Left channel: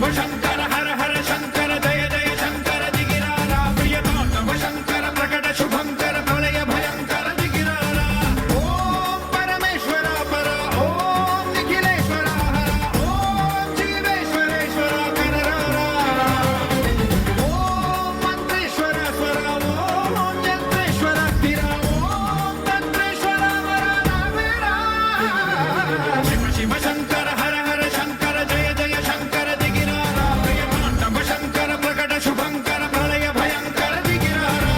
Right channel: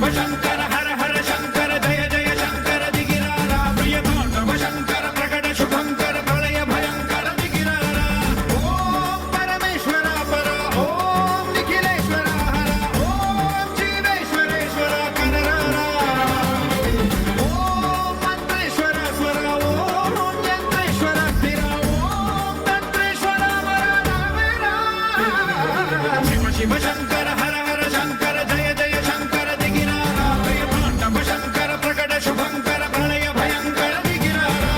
శివ శంకర హర హర శంకర జయ జయ శంకర దిగిరారా ప్రియ తాండవ శంకర ప్రకట శుభంకర ప్రళయ భయంకర దిగిరారా ఓం పరమేశ్వర పర ఓం నిఖిలేశ్వర హర ఓం జీవేశ్వరేశ్వర కనరారా ఓం మంత్రేశ్వర స్వర ఓం యంత్రేశ్వర స్థిర ఓం తంత్రేశ్వర వర రావేరా శివ శివ శంకర హర హర శంకర జయ జయ శంకర దిగిరారా ప్రియ తాండవ శంకర ప్రకట శుభంకర ప్రళయ భయంకర దిగిరారా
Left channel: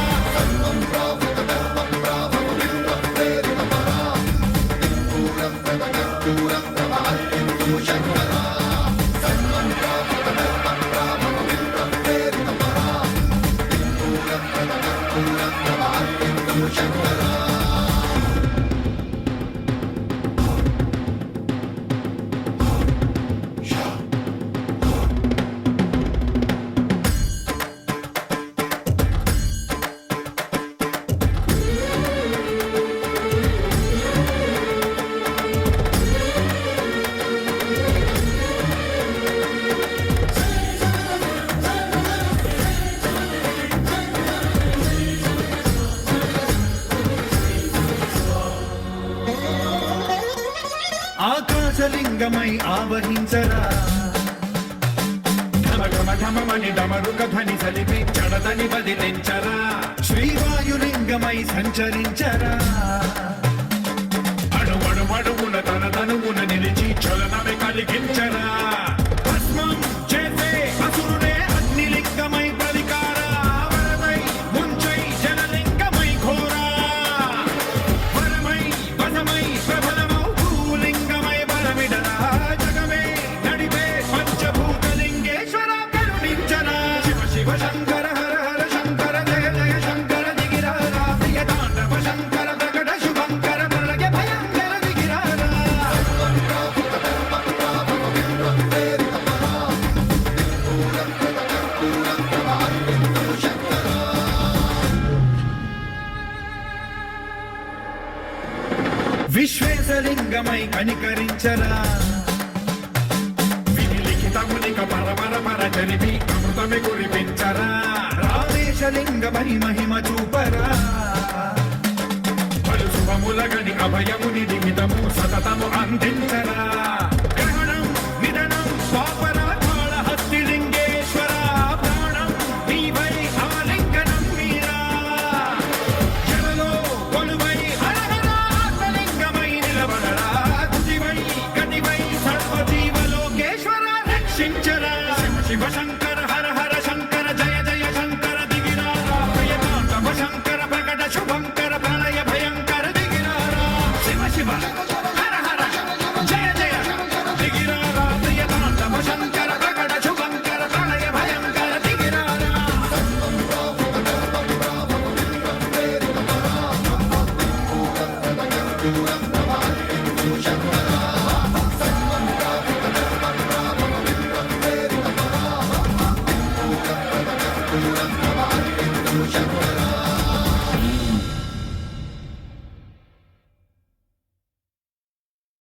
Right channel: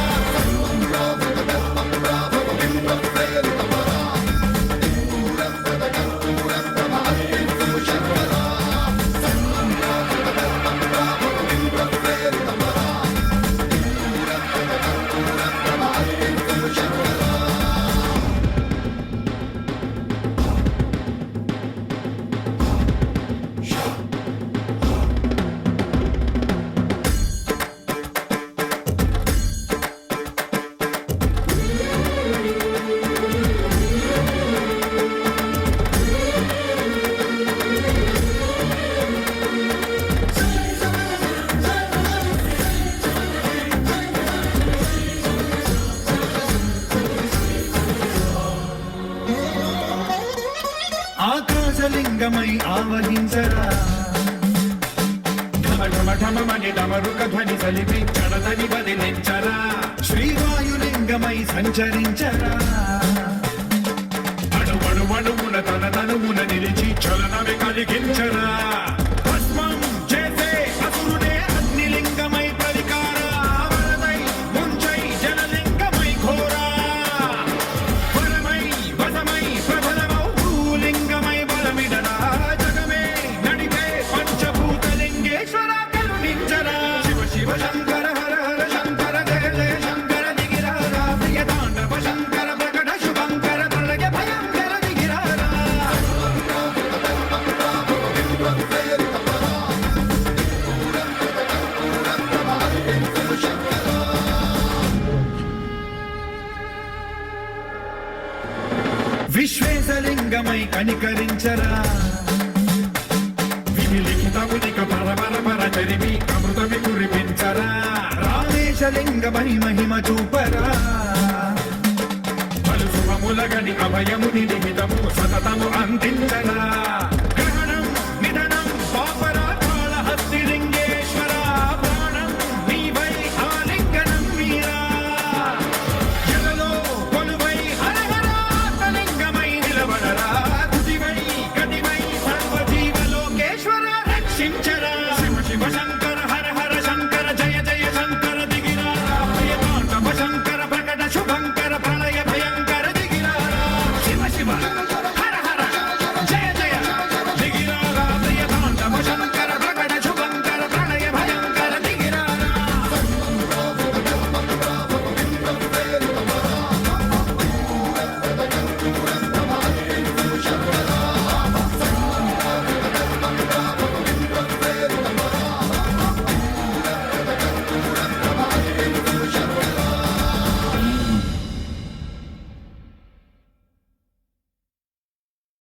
ఆకాశలింగమై ఆవహించరా ఢమ ఢమ ఢమమని డమరుక ధ్వని సలిపి చడదని బదిలించరా శ్రీవాయులింగమై సంచరించరా అడువడువడువున తన తనువున నిలిచి చలనమే కలిగించరా భస్మం చేసే అసురుడే అగ్నిలింగమై ప్రతికార వరదై ముంచై జలలింగమై ఘోరా వరమై వసమై ప్రబలమౌ భూలింగమై బలమిడరా జగమే నడిపే పంచభూతలింగేశ్వర కరుణించరా శివ శివ శంకర హర హర శంకర జయ జయ శంకర దిగిరారా ప్రియ తాండవ శంకర ప్రకట శుభంకర ప్రళయ భయంకర దిగిరారా విశ్వేశలింగమై కనికరించరా వినిలిఖితమునిక పరపర పర చరిమి అమృతమి కురిపించరా రామేశలింగమై మహిమ చూపరా పలు శుభములగని అభయముని నిమితము సతతము అందించరా గ్రహణం నిధనం పాపరాకాళ హస్తిలింగేశ్వర ప్రాణం నీవై ఆలింగనం మీరా జలలో కొలువై హర హర ఆత్మలింగమై నిలబడరా తుదివై గతివై సర్వజీవలోకేశ్వర రక్షించరా శివ శివ శంకర హర హర శంకర జయ జయ శంకర దిగిరారా ప్రియ తాండవ శంకర ప్రకట శుభంకర ప్రళయ భయంకర దిగిరారా శివ శివ